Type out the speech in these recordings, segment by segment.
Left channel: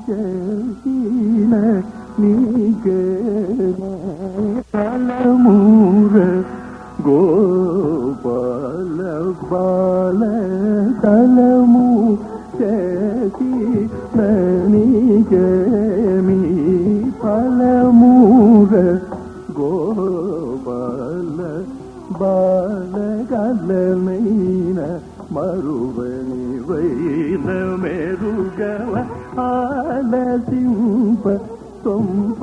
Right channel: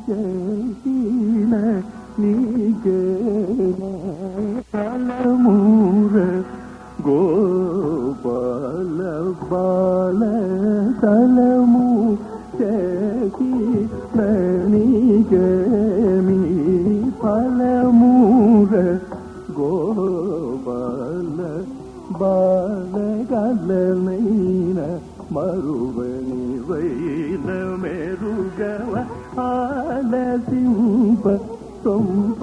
ఫలమూచీల నీకే కలమూర గోపాల బాల కలము చేసి నీకే మీ ఫలమూర గోపాల బాల కలమైన మరువని వైన మెరుగవ ఆలసింప సొంప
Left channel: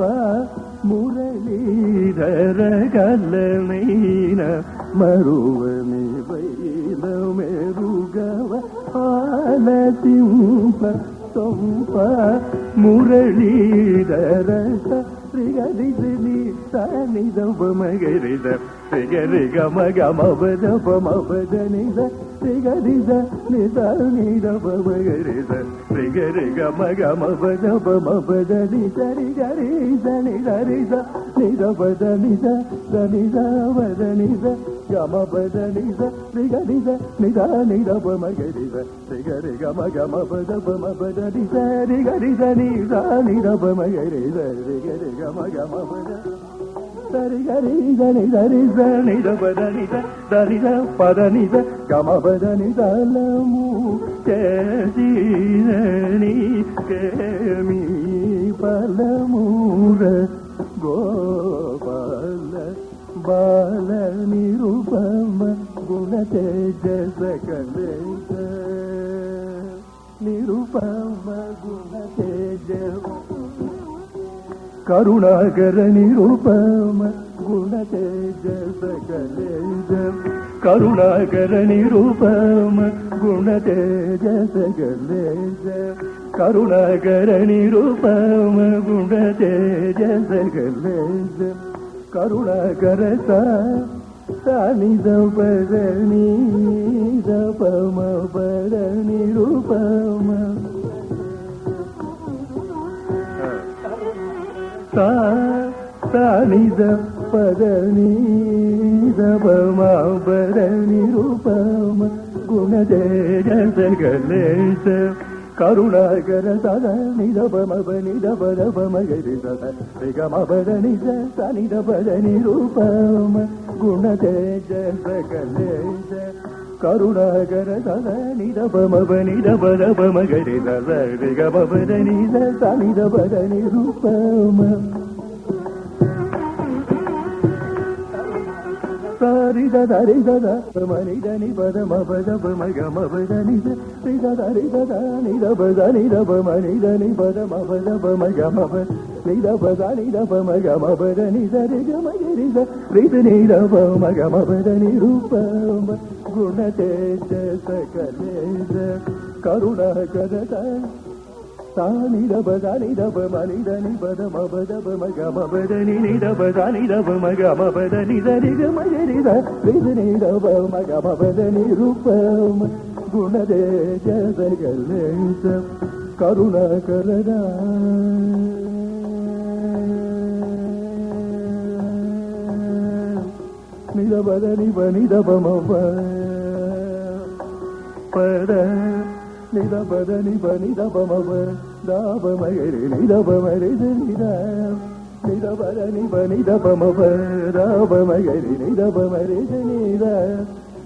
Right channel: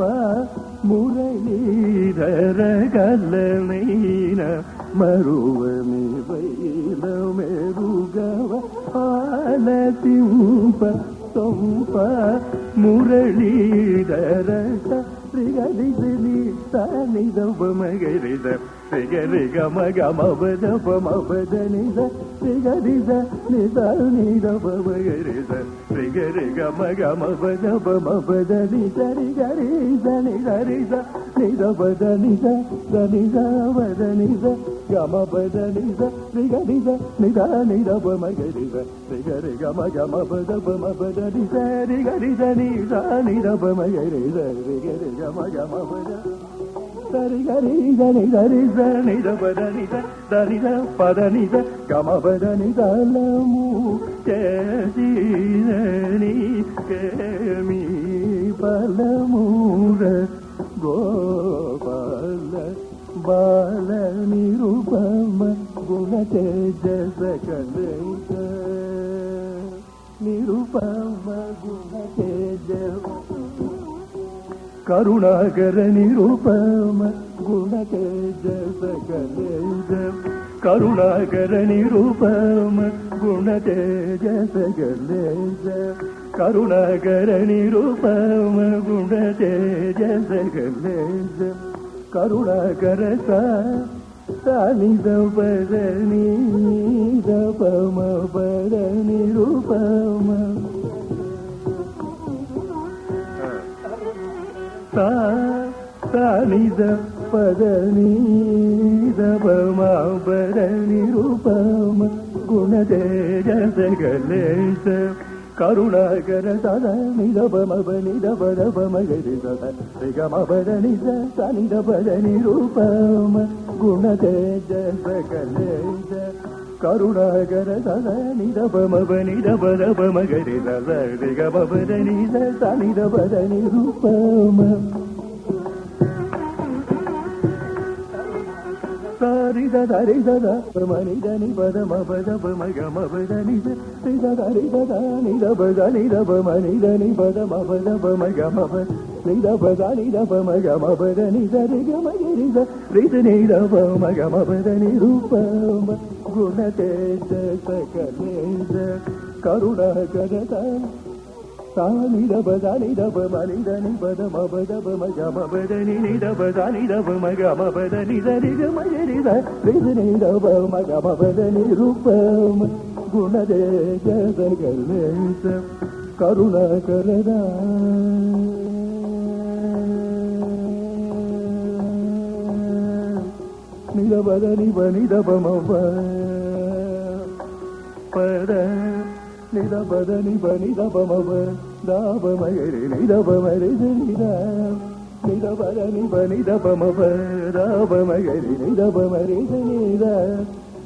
మురళీధర కలమైన మరువని వైన మెరుగవ ఆలసింప సొంప మురళీధర మగరిద రి గమ గమ బద పమ బదనిద రిగరిద నిద నిద మగరిద రి గమ గమ బద పమ బదనిద రిగరిద నిద నిద బదనిద దనిద బదనిద గమ బదనిద రిగరిద నిద నిద మగరిద రిగరి గమ గమ బద పమ బదనిద రిగరిద నిద నిద మగరిద రిగరి గమ గమ బద సరి గరి గని గరి జని దబదని దరి ద పదని ద గమ బదని దలము కేదిని కేమి బలముర గోపాల బాల నిరూపమ గుణ తేజ సకలే నిరూపమ గుణ తేజ కరుణాకర నిరూపమ గుణ తేజ సకలే కరుణాకర నిరూపమ గుణ తేజ సకలే కరుణాకర నిరూపమ గుణ తేజ సకలే కరుణాకర సాని దపదని దపమ పద నిరూపమ సానిద పదని దపమ పద నిరూపమ గుణ తేజ సకలే కరుణాకర సదని దపమ పని దప మగరి సద గమ పదని సని దపద నిరూపమ గుణ తేజ సకలే కరుణాకర సదని దపమ పని దప మగరి సద గమ పదని సని దపద నిరూపమ సరి దరి దద మని దని పద మపద మగమ పదని సరి దదని దబదని దబ మని దని పద మపద మగమ ని దబదని దబ మగమ పదని సరి గమ ని రిదని దబ మగమ పదని రూపమ గుణ తేజ సకలే కరుణాకర సాని దబదని దబ మని దని పద మపద మగమ పదని దబదని దబ మగమ పదని సరి గమ ని రిదని దబ మగమ పదని రూపమ గుణ తేజ సకలే కరుణాకర నిదబదని బని దబమ పద నిదబదని బని దబమ దబ మయరి నిదబ మయరి నిద నిదబదని బని దబమ దబ మయరి నిదబ మయరి నిద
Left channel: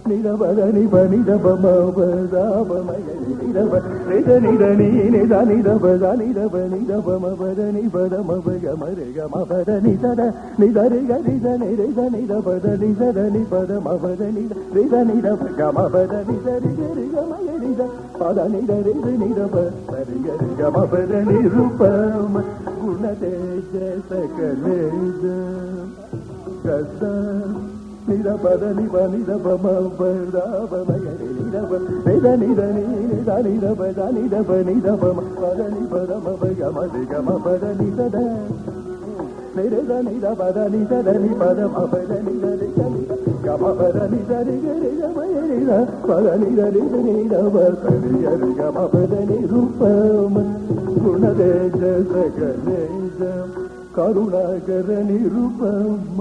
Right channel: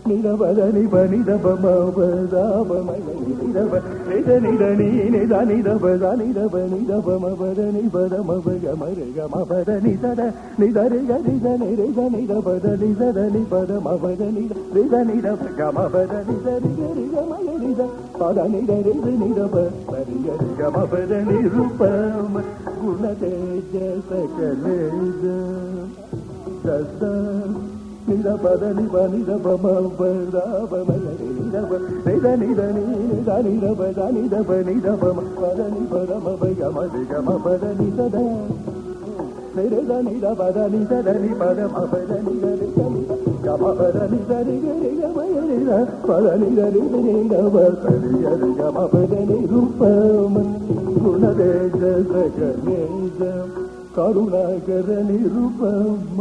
నిదబదని బని దబమ దబ మయరి నిదబ నిదని నిదని దబ దని దబ నిదబమ పదని బదమ గమ గమ పదని సద నిదరి గరి దని దని దబ దని సదని పదమ పదని దని దబ గమ పదని సరి గరి గమ గరి పదని దని ని దబ సరి గరి గమ పదని రూపమ గుణ తేజ సకలే గస నిదపదని బని దబమ పదమ గరి నిదబ దని దని దని దబ దని దబ ని దబ పదని పదమ గమ గమ పదని సద నిదని దబ దని సదని పదమ పదని దని గమ పదని దని గరి గమ గరి పదని దని దని దబ సరి గరి గమ పదని రూపమ గుణ తేజ సకలే కరుణాకర నిరూపమ